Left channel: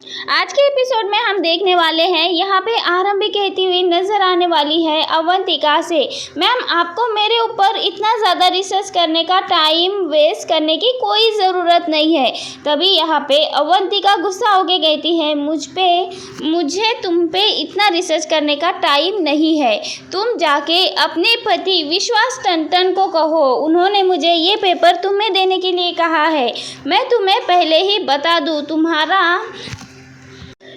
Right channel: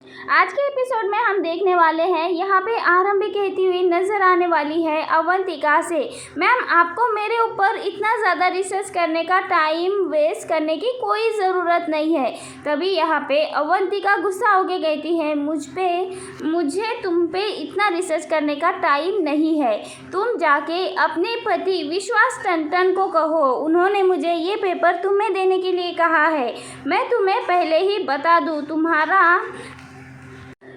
आज के एपिसोड में हम देखने वाले हैं, यहाँ पे आरंभी कहती हुई नजर आने वाली है अवंतिका से, मैम आपको मेरे ऊपर इतना ज़्यादा रिसर्च करने का टाइम वेस्ट करने की कोई ज़रूरत नहीं है। तभी यहाँ पे अवंतिका गुस्सा होके कहती है, मुझे तुम पे इतना रिसर्च करने का टाइम नहीं है। तुम जाके अपने पति विश्वास टंटन को कहो, उन्होंने मुझे ये पेपर तुम्हें देने के लिए कहा है। मैं तुम्हें पहले ही बता दूँ, तुम्हारा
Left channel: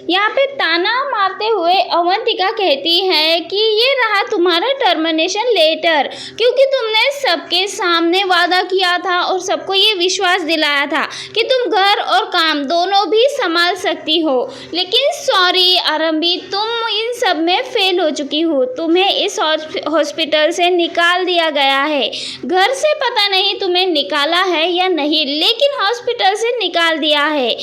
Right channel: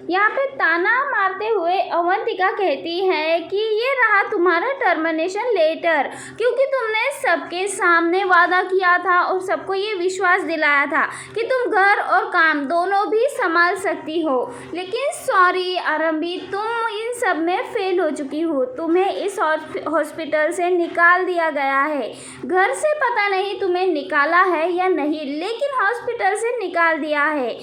यहाँ पे ताना मारते हुए अवंतिका कहती है कि ये रहा तुम्हारा टर्मिनेशन लेटर, क्योंकि तुमने सबके सामने वादा किया था और सबको ये विश्वास दिलाया था कि तुम घर और काम दोनों भी संभाल सकती हो। लेकिन सॉरी आरंभी, तुम इन सब में फेल हो चुकी हो। तुम्हें इस हॉस्पिटल से निकाल दिया गया है। घर से पता नहीं तुम्हें निकाला है या नहीं, लेकिन हॉस्पिटल से निकाल दिया है,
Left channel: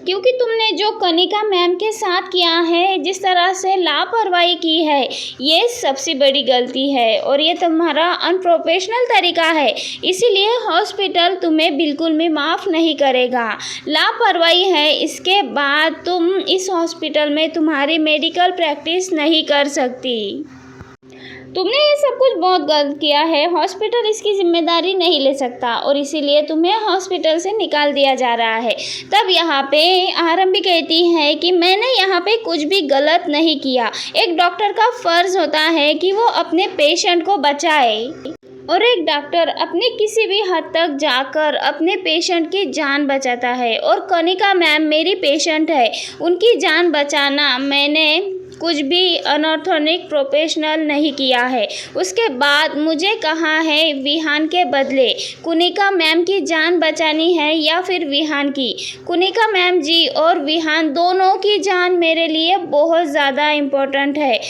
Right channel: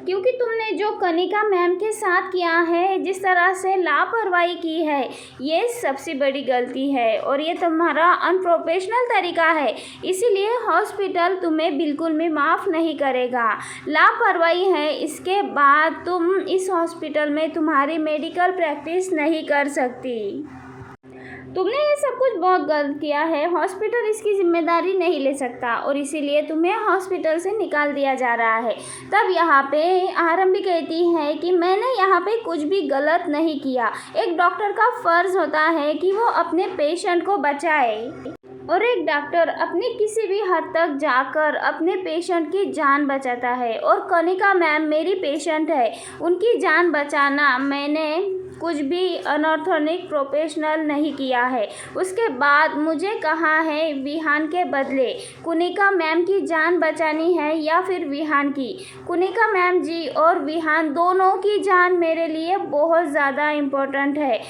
क्योंकि तुमने जो कनिका मैम के साथ किया है, जिस तरह से लापरवाही की है, ये सबसे बड़ी गलती है और ये तुम्हारा अनप्रोफेशनल तरीका है। इसीलिए हॉस्पिटल तुम्हें बिल्कुल भी माफ़ नहीं करेगा। लापरवाही है, इसके बाद तुम इस हॉस्पिटल में तुम्हारी मेडिकल प्रैक्टिस नहीं कर सकती। तुमने ये सब कुछ बहुत गलत किया है। हॉस्पिटल इसकी जिम्मेदारी नहीं ले सकता और इसीलिए तुम्हें हॉस्पिटल से निकाल दिया जा रहा है। तब यहाँ पे आरंभी कहती है कि मैंने यहाँ पे कुछ भी गलत नहीं किया। एक डॉक्टर का फ़र्ज़ होता है कि वो अपने पेशेंट को बचाए और एक डॉक्टर अपने किसी भी हद तक जाकर अपने पेशेंट की जान बचाता है। और कनिका मैम मेरी पेशेंट है, उनकी जान बचाना मैंने कुछ भी अनऑर्थोनिक प्रोफेशनल नहीं किया है। उसके बाद मुझे कहा है विहान के बदले कनिका मैम की जान बचानी है या फिर विहान की। कनिका मैम जी और विहान दोनों की जान मेरे लिए बहुत ज़्यादा इम्पोर्टेंट है।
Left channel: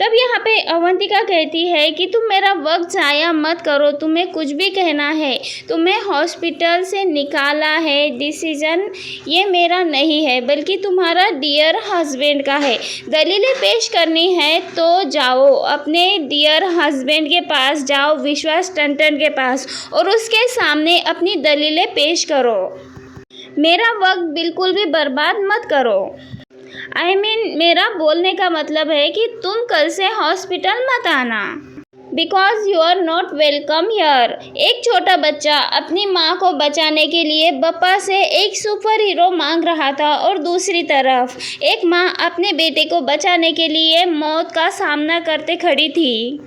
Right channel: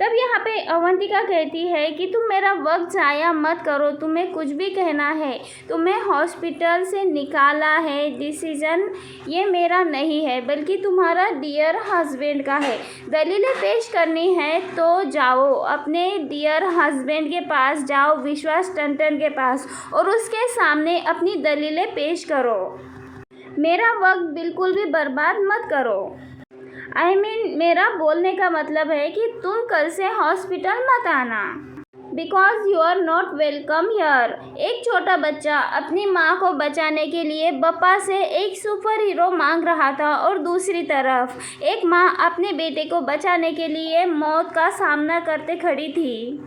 तब यहाँ पे अवंतिका कहती है कि तुम मेरा वक्त ज़ाया मत करो, तुम्हें कुछ भी कहना है। तुम्हें हॉस्पिटल से निकाला है, डिसीजन ये मेरा नहीं है बल्कि तुम्हारा डियर हस्बैंड का है। दलीलें पेश करनी है तो जाओ, अपने डियर हस्बैंड के पास जाओ, विश्वास टंटन के पास, और उसके सामने अपनी दलीलें पेश करो। मेरा वक्त बिल्कुल भी बर्बाद मत करो। मेरा बोलने का मतलब है कि तुम कल से हॉस्पिटल मत आना, because you are not welcome here. एक छोटा बच्चा अपनी माँ को बचाने के लिए बप्पा से एक सुपर हीरो मांग रहा था और दूसरी तरफ एक माँ अपने बेटे को बचाने के लिए मौत का सामना करते खड़ी थी।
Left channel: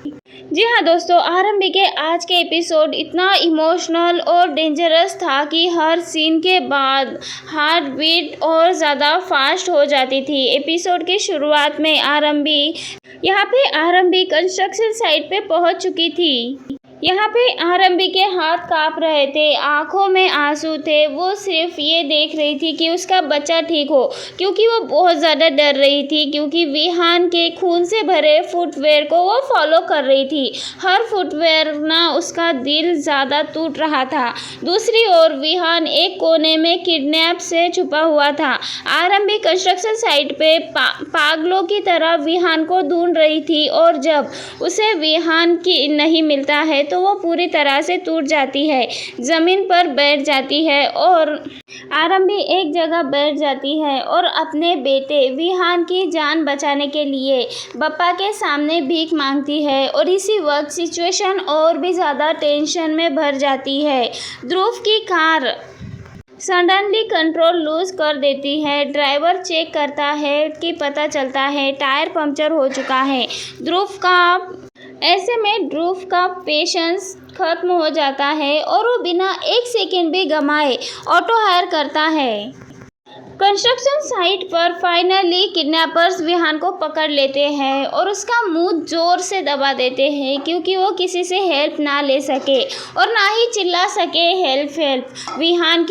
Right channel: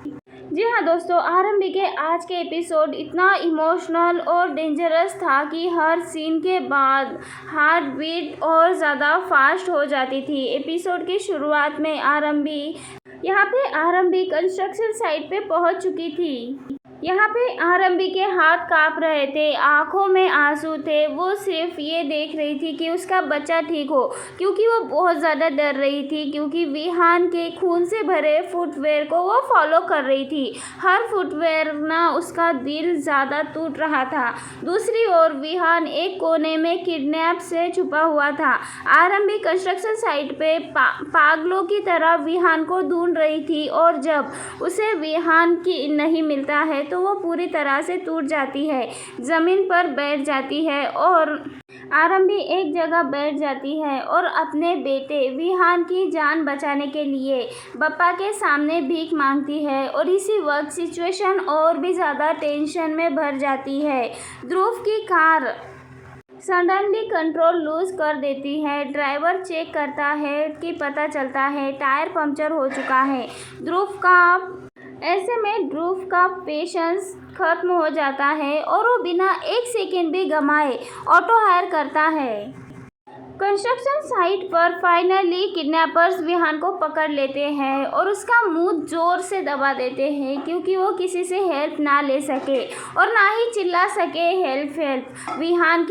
जी हाँ दोस्तों, आरंभी के आज के एपिसोड इतना इमोशनल और डेंजरस था कि हर सीन के बाद हार्ट बीट और ज़्यादा फास्ट हो जाती थी। एपिसोड की शुरुआत में यहाँ पे आरंभी कंस्ट्रक्शन साइट पे पहुंच चुकी थी। यहाँ पे आरंभी के हाथ काँप रहे थे, आंखों में आंसू थे। वो सिर्फ ये देख रही थी कि उसका बच्चा ठीक हो, क्योंकि वो बहुत ज़्यादा डर रही थी, क्योंकि विहान के खून से भरे फुटवेयर को वो फॉलो कर रही थी। हर फुटवेयर ना उसका दिल ज़्यादा टूट रहा था। दूसरी ओर विहान एक कोने में किडनैप से छुपा हुआ था। आरंभी कंस्ट्रक्शन साइट पे पागलों की तरह विहान को ढूंढ रही थी और जब उसे विहान की नहीं मिलता है तो वो पूरी तरह से टूट जाती है, ज़मीन पर बैठ जाती है और आरंभी एक जगह बैठ जाती है और अपने बेटे विहान की जान बचाने के लिए बप्पा के सामने भीख मांगती है। और इसी वक्त सिचुएशन और भी ज़्यादा टेंशन में भर जाती है। ध्रुव की कार सडनली कंट्रोल लूज कर देती है। ड्राइवर चेक करता है कि पता चलता है टायर पंक्चर हो चुका है। ऐसे में ध्रुव का पेशेंस खत्म हो जाता है और वो बिना एक सेकंड भी गंवाए ऑटो हायर करता है। कंस्ट्रक्शन साइट पर फाइनली किडनैपर्स विहान को पकड़ लेते हैं और उसका मुंह जोर से दबा देते हैं, क्योंकि वो किसी से हेल्प ना ले सके और ना ही चिल्ला सके हेल्प। विहान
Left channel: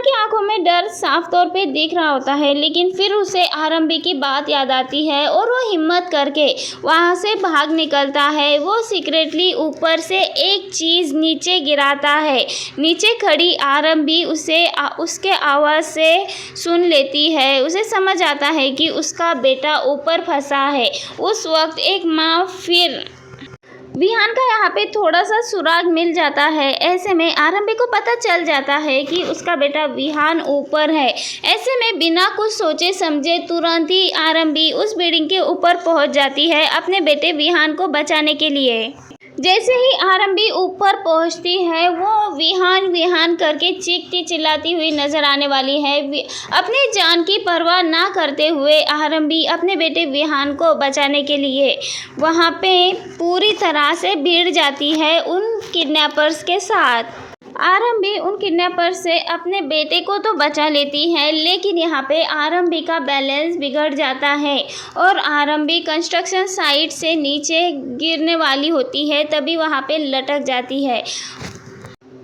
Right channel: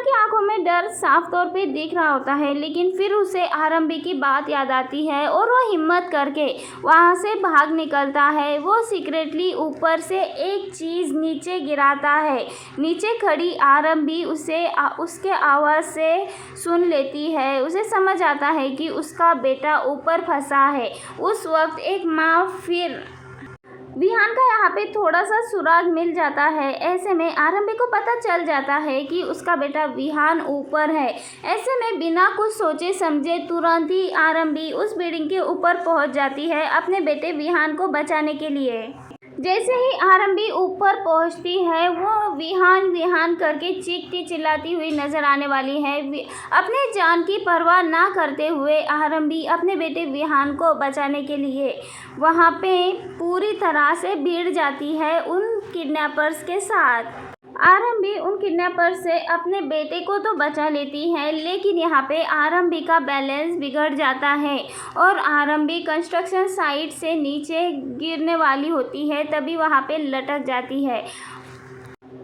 की आंखों में डर साफ तौर पे दिख रहा होता है, लेकिन फिर उसे आरंभी की बात याद आती है और वो हिम्मत करके वहाँ से भाग निकलता है। वो सीक्रेटली ऊपर से एक चीज़ नीचे गिराता है। नीचे खड़ी आरंभी उसके आवाज़ से सुन लेती है। उसे समझ आता है कि उसका बेटा ऊपर फंसा है। उस वक्त एक माँ फिर विहान का यहाँ पे थोड़ा सा सुराग मिल जाता है। ऐसे में आरंभी को पता चल जाता है कि उसका बेटा विहान ऊपर है। ऐसे में बिना कुछ सोचे समझे तुरंत ही आरंभी उस बिल्डिंग के ऊपर पहुंच जाती है अपने बेटे विहान को बचाने के लिए। जैसे ही आरंभी ऊपर पहुंचती है वो विहान विहान करके चीखती चिल्लाती हुई नजर आने वाली है। अपने जान की परवाह ना करते हुए आरंभी अपने बेटे विहान को बचाने के लिए वहां पे पूरी तरह से भिड़ जाती है उन किडनैपर्स के साथ। आरंभी उन किडनैपर से अपने बेटे को तो बचा लेती है, लेकिन यहाँ पे आरंभी का बैलेंस बिगड़ जाता है और आरंभी कंस्ट्रक्शन साइट से नीचे गिरने वाली होती है। तभी वहाँ पे लटक जाती है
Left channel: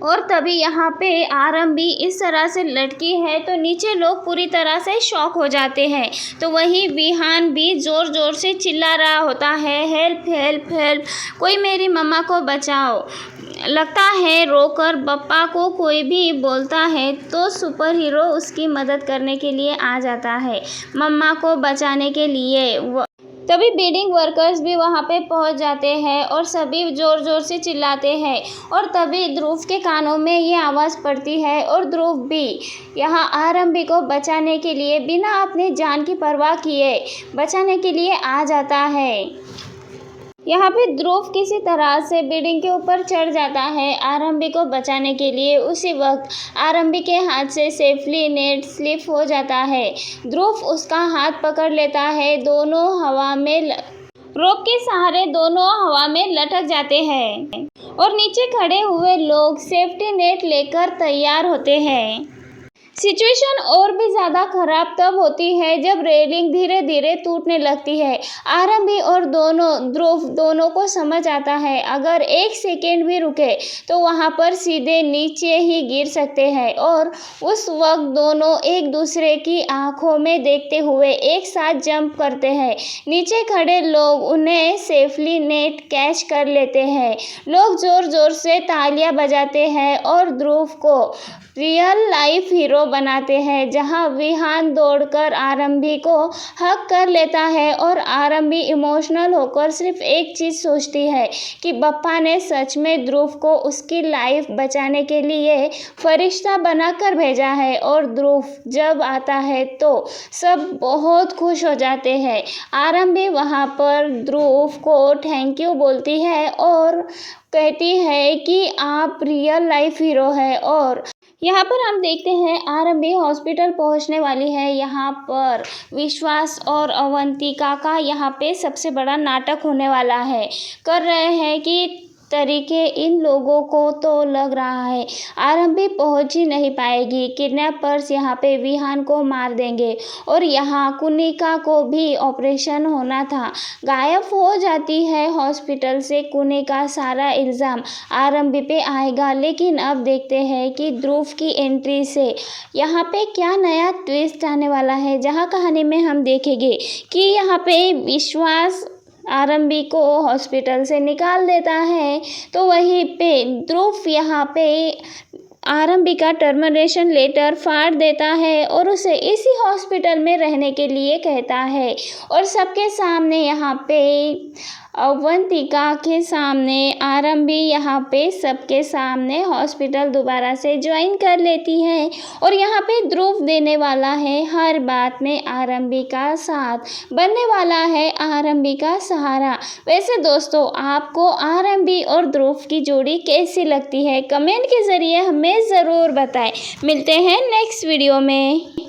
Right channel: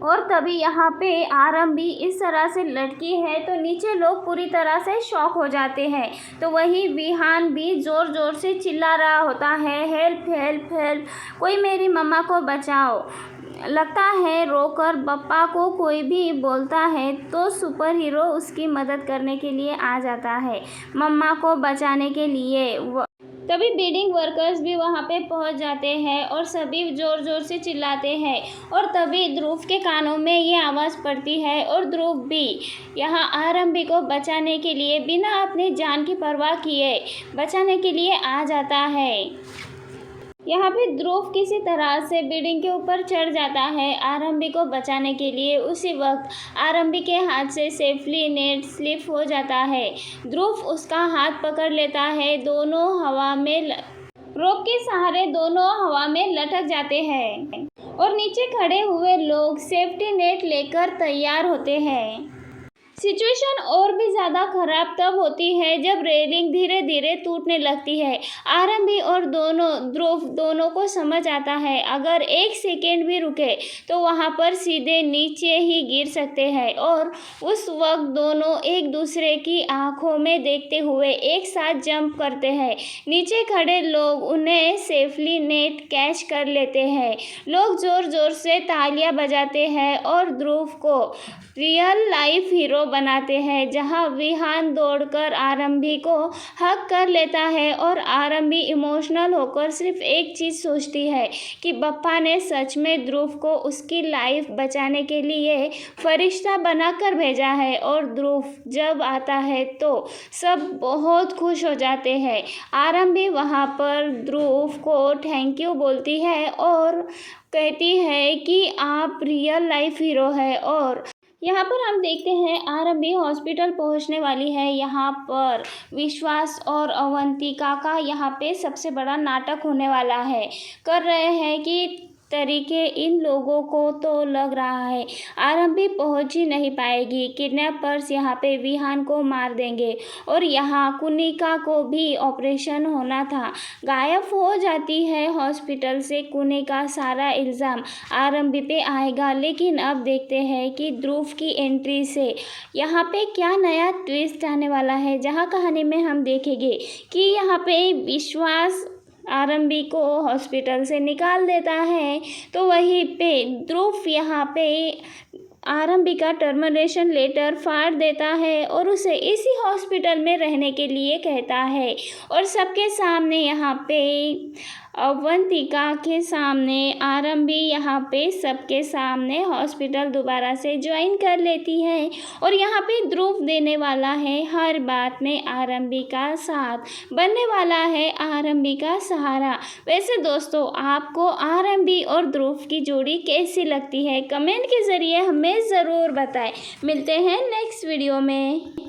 और तभी यहाँ पे आरंभी इस तरह से लटकी है तो नीचे लोग पूरी तरह से शॉक हो जाते हैं। तो वहीं विहान भी ज़ोर ज़ोर से चिल्ला रहा होता है, हेल्प हेल्प हेल्प, कोई मेरी मम्मा को बचाओ। लगता है रोकर बप्पा को कोई भी बोलता है तो सुपर हीरो उसकी मदद करने के लिए आ जाता है, मम्मा को बचाने के लिए। तभी बिल्डिंग वर्कर्स भी वहां पे पहुंच जाते हैं और सभी ज़ोर ज़ोर से चिल्लाते हैं और तभी ध्रुव के कानों में ये आवाज़ पड़ती है और ध्रुव भी यहाँ आरंभी को बचाने के लिए बिना अपने जान की परवाह किए बचाने के लिए आ जाता है। यहाँ पे ध्रुव किसी तरह से बिल्डिंग के ऊपर चढ़ जाता है आरंभी को बचाने के लिए। उसी वक्त आरंभी के हाथ से सेफली नेट स्लिप हो जाता है। ध्रुव उसका हाथ पकड़ लेता है, दोनों हवा में रोप के सहारे दोनों हवा में लटक जाते हैं और नीचे खड़े हुए लोग सेफ्टी नेट लेकर तैयार होते हैं। सिचुएशन और भी ज़्यादा ख़राब तब होती है जब रेलिंग धीरे धीरे टूटने लगती है। आरंभी और ध्रुव दोनों को समझ आता है अगर एक सेकेंड भी रुके तो वहाँ पर सीधे नीचे ही गिर सकते हैं और उस वक्त दोनों एक दूसरे की आंखों में देखते हुए एक साथ जंप करते हैं। नीचे खड़े लोग उन्हें सेफली नेट कैच कर लेते हैं। लोग ज़ोर ज़ोर से तालियां बजाते हैं और ध्रुव को रियल लाइफ हीरो बनाते हैं, जहां विहान दौड़कर आरंभी को हक कर लेता है और आरंभी इमोशनल होकर सिर्फ एक चीज़ सोचती है कि बप्पा ने सच में ध्रुव को उसकी लाइफ बचाने के लिए फरिश्ता बनाकर भेजा है। और ध्रुव जब आता है तो सब बहुत खुश हो जाते हैं। आरंभी वहां पर ध्रुव को थैंक यू बोलती है और कहती है कि आप रियल लाइफ हीरो है। और यहाँ पर हम देखते हैं आरंभी हॉस्पिटल पहुँचने वाली है। यहाँ पर विश्वास और अवंतिका का यहाँ पे सबसे बड़ा नाटक होने वाला है। कर रहे हैं कि तरीके इन लोगों को तो लग रहा है आरंभी पहुंच ही नहीं पाएगी, किडनैपर्स यहाँ पे विहान को मार देंगे और यहाँ कुनिका को भी ऑपरेशन होना था। गायब हो जाती है हॉस्पिटल से कुनिका, सारा इल्ज़ाम आरंभी पे आएगा। लेकिन अब देखते हैं कि ध्रुव की एंट्री से यहाँ पे क्या नया ट्विस्ट आने वाला है, जहाँ कहानी में हम देखेंगे कि यहाँ पे विश्वास आरंभी को हॉस्पिटल से निकाल देता है तो वहीं पे ध्रुव यहाँ पे आरंभी का टर्मिनेशन लेटर फाड़ देता है और उसे इसी हॉस्पिटल में रहने के लिए कहता है। और सबके सामने यहाँ पे अवंतिका के सामने आरंभी यहाँ पे सबके सामने हॉस्पिटल दोबारा से ज्वाइन कर लेती है और यहाँ पे ध्रुव देने वाला है हर बात में आरंभी का साथ, बनने वाला है आरंभी का सहारा। वैसे दोस्तों आपको आरंभी और ध्रुव की जोड़ी कैसी लगती है कमेंट के ज़रिए हमें ज़रूर बताएं। मिलते हैं नेक्स्ट वीडियो में।